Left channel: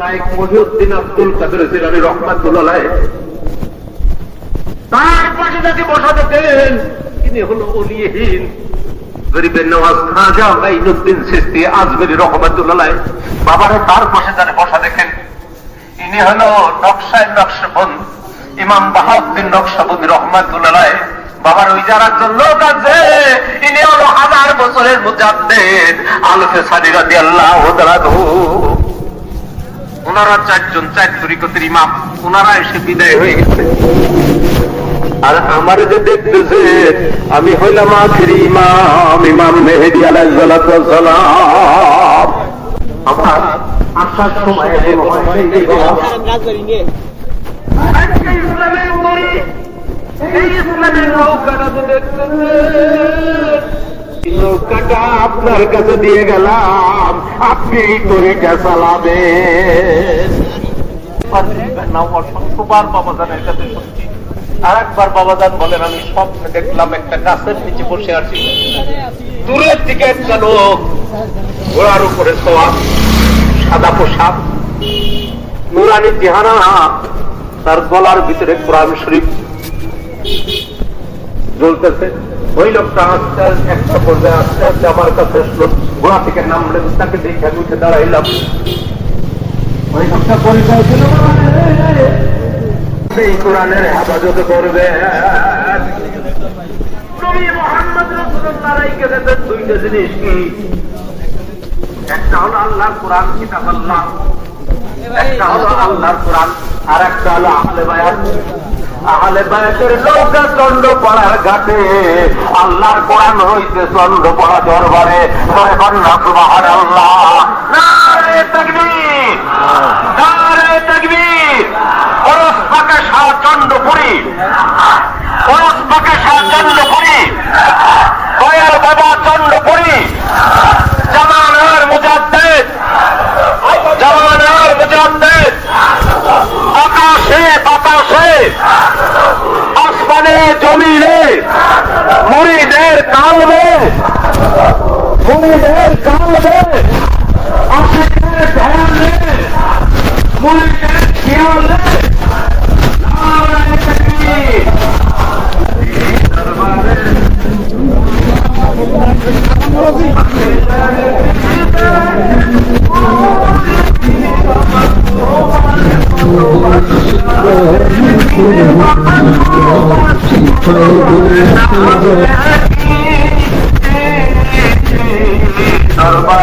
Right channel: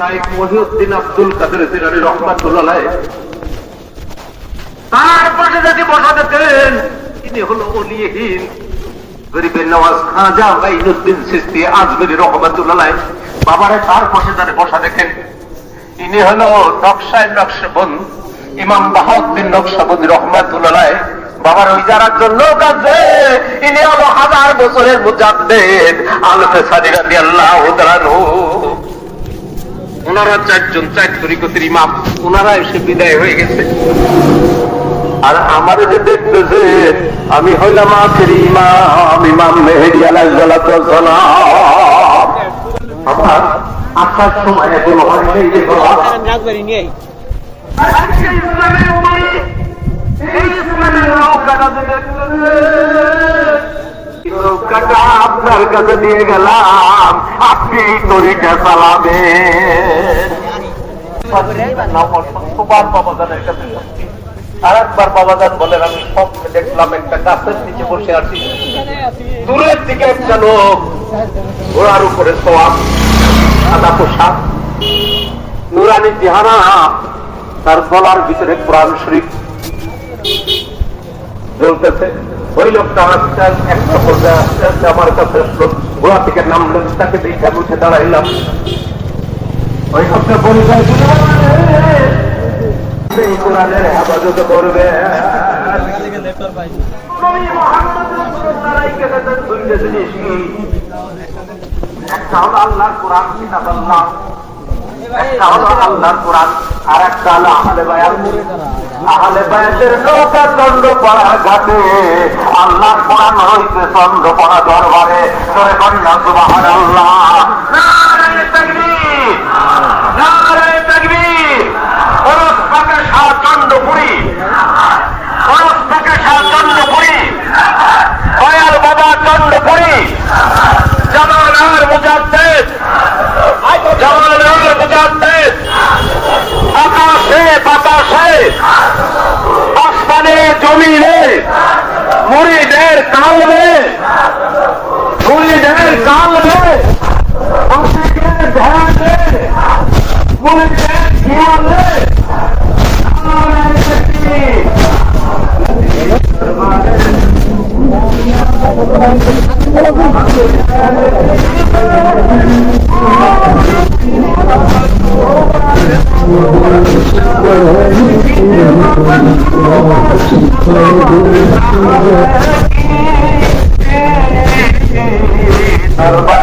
শাইখ মহিউদ্দিন আব্দুল কাদের জিলানি রহমাতুল্লাহ তার পাশে যাকে বসাতে পেলেন তিনি হলো অলিহীন, গরিবের নওয়াজ খাজা গাইনুদ্দিন সিস্তি আজমেরি রহমাতুল্লাহ বাবারে তার পাশে যারে বসা দেখেন ইনি হলো নকশায় নকশবন্দ ইমাম বাহাউদ্দিন নকশবন্দি রহমাতুল্লাহ বাবার ওই জায়গার জন্য কাছে ইনি হলো হাজার বছরের মুজাদ্দেদ আলফে সাদি রাদিয়াল্লাহু তাআলা চারজন চার তরিকতের ইমাম ওনারা এসে বিদায় হয়ে গেছে। আর আমার যে দেখতেছে আমি হইলাম আখের ইমাম ইমাম মেহেদি আলাইসালাম আমার আসার সময় যে ইসলামের নৌকাটা নৌকাটা আপনার কাছে দিয়ে গেলাম। আপনি একটা নিচে বসে আছি। দূরের দিকে ঘোড়ার উপরে সাদা পোশাক, নুরানি তার গলার ভিতরে কোরআন শরীফ জ্বলতেছে। ওই লোকটা আস্তে আস্তে একটা পর্যায়ে আস্তে আস্তে আমার কাছে আসলো। ঘোড়া থেকে নামলে তাকে দেখে উঠে দাঁড়াইলাম। ওই লোকটা পরিচয় আল্লাহর কোরআন, কিতাব একটা হলো আর একটা হলো আহলে আহলে বায়াতের নৌকা চন্দ্র পড়ার ঘাটে। আল্লাহর কোরআন হইতে চন্দ্র পড়া দরবারে। ধরে কন্যা সুবহানাল্লাহ। নারে তাকবীর। নারে তাকবীর काल में पूरी देर काल में आपके ध्यान में पूरी देर जीवन में Oh, বাবা